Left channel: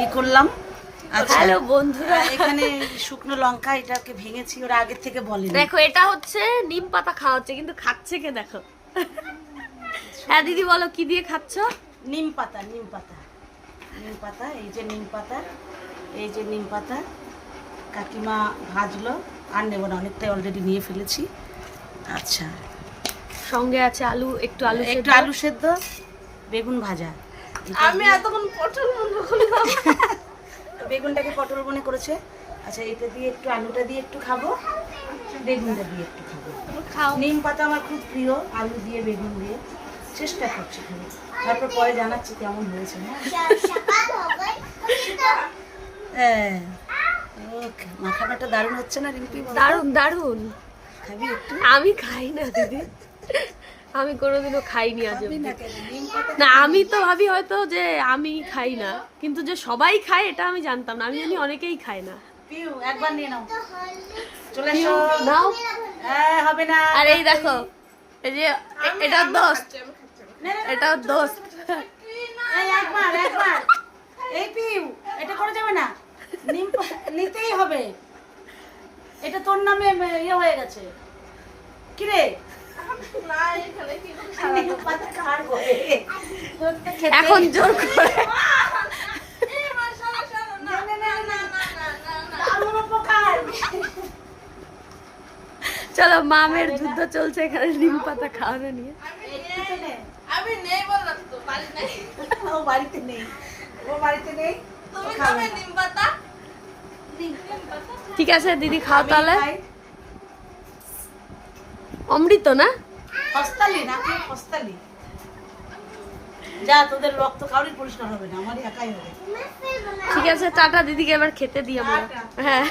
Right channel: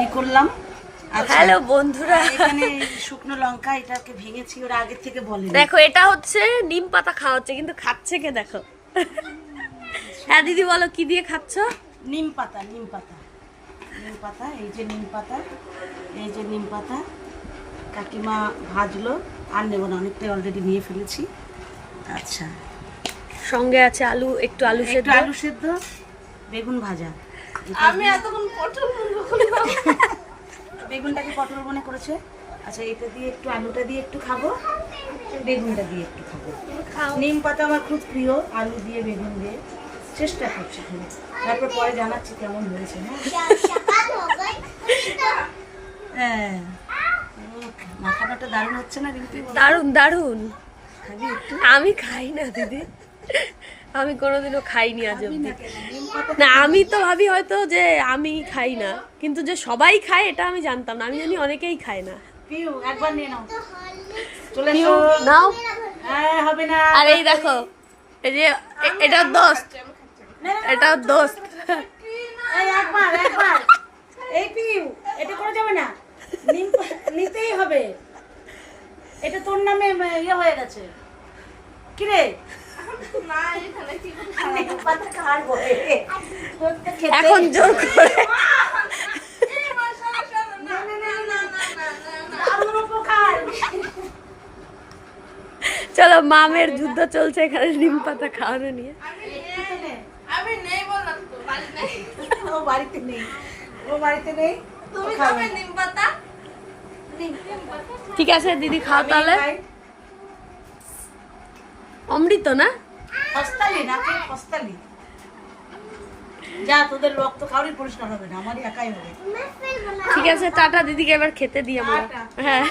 ই করলাম। হ্যালো বন্ধুরা, এখানে শুকনো লঙ্কা এটাকে ভেঙেছি, ওরা আগের থেকে বলেনি। দেখো এটা হচ্ছে নিম পাতা খাওয়াচ্ছে, কিন্তু খাচ্ছে কে দেখো। হ্যাঁ দিদি বলো কি দিয়ে খাচ্ছ? নিম পাতা, নিম পাতা, নিম পাতা। এই যে নিম পাতা, এই যে নিম পাতা কাকিমা ভাজলো। আর নেবো না, অনেকটাই অলরেডি নিয়ে ফেলেছি। আচ্ছা, সঙ্গে আছে আলু, একটু আলু একটু সেদ্ধ। আলু সেদ্ধ, বেগুন ভাজা। আমি এতক্ষণ পটল বলবো। বেগুনটাকে পটল মনে করেছে। আচ্ছা, এটা দিয়ে একটু, আলুটা দিয়ে একটু খাবো, বেগুনটা দিয়ে একটু খাবো। নিম পাতা আমার খুব প্রিয়, আলু দিয়ে বেগুন দিয়ে চেষ্টা করছি খাবো। তারপর পরে জানাচ্ছি কেমন হয়েছে। হ্যাঁ, মাখানাটা দারুণ হচ্ছে না রিম্পি? দারুন দারুন। খাবি একটু? আমি খাই না দিদি, আমি কোনোদিনও খাইনি আজ অব্দি। না কেন? নিম পাতা না আমি তো ভাবি হয়তো যে আমি খাই না, কিন্তু যে সবাই খায় এটা আমি জানতাম না। আমি জানি অনেকেই খায় না। পিউ একবার নিয়ে নাও, চলে পিউ, এসো। নাও। হ্যাঁ, হবে না। আর এই দেখো, এই যে এটার দোস্ত, এটার দোস্ত। এই একবার একবার, এই পিউ, এটা করে যাবে না, নিম নিতেই হবে। এটা তোর নামে ইয়ে হয়ে গেছে। কি রে? নিম পাতা খাবো। এখন জোর করে দারুণ উপকার। চলো, মামের যুদ্ধ চলছে এখানে নিম পাতা খাওয়ানো নিয়ে। আমি নেই বললাম তো, বাড়ি নেই। ও বাড়িতে নেই, ও বাড়িতে নেই। তুমি খাবে নিম পাতা? ঠিক আছে দিদি, খাও তাহলে। খাই। অমৃত না? হস্তালি না, তুই হস্তালি। যা, তোদের রক্ত কাউরি পরিষ্কার হবে না, আমারই একাই হবে। ঠিক আছে, টাটা দিদিকে এবার খেতে দিই আমরা। টাটা। হ্যাঁ।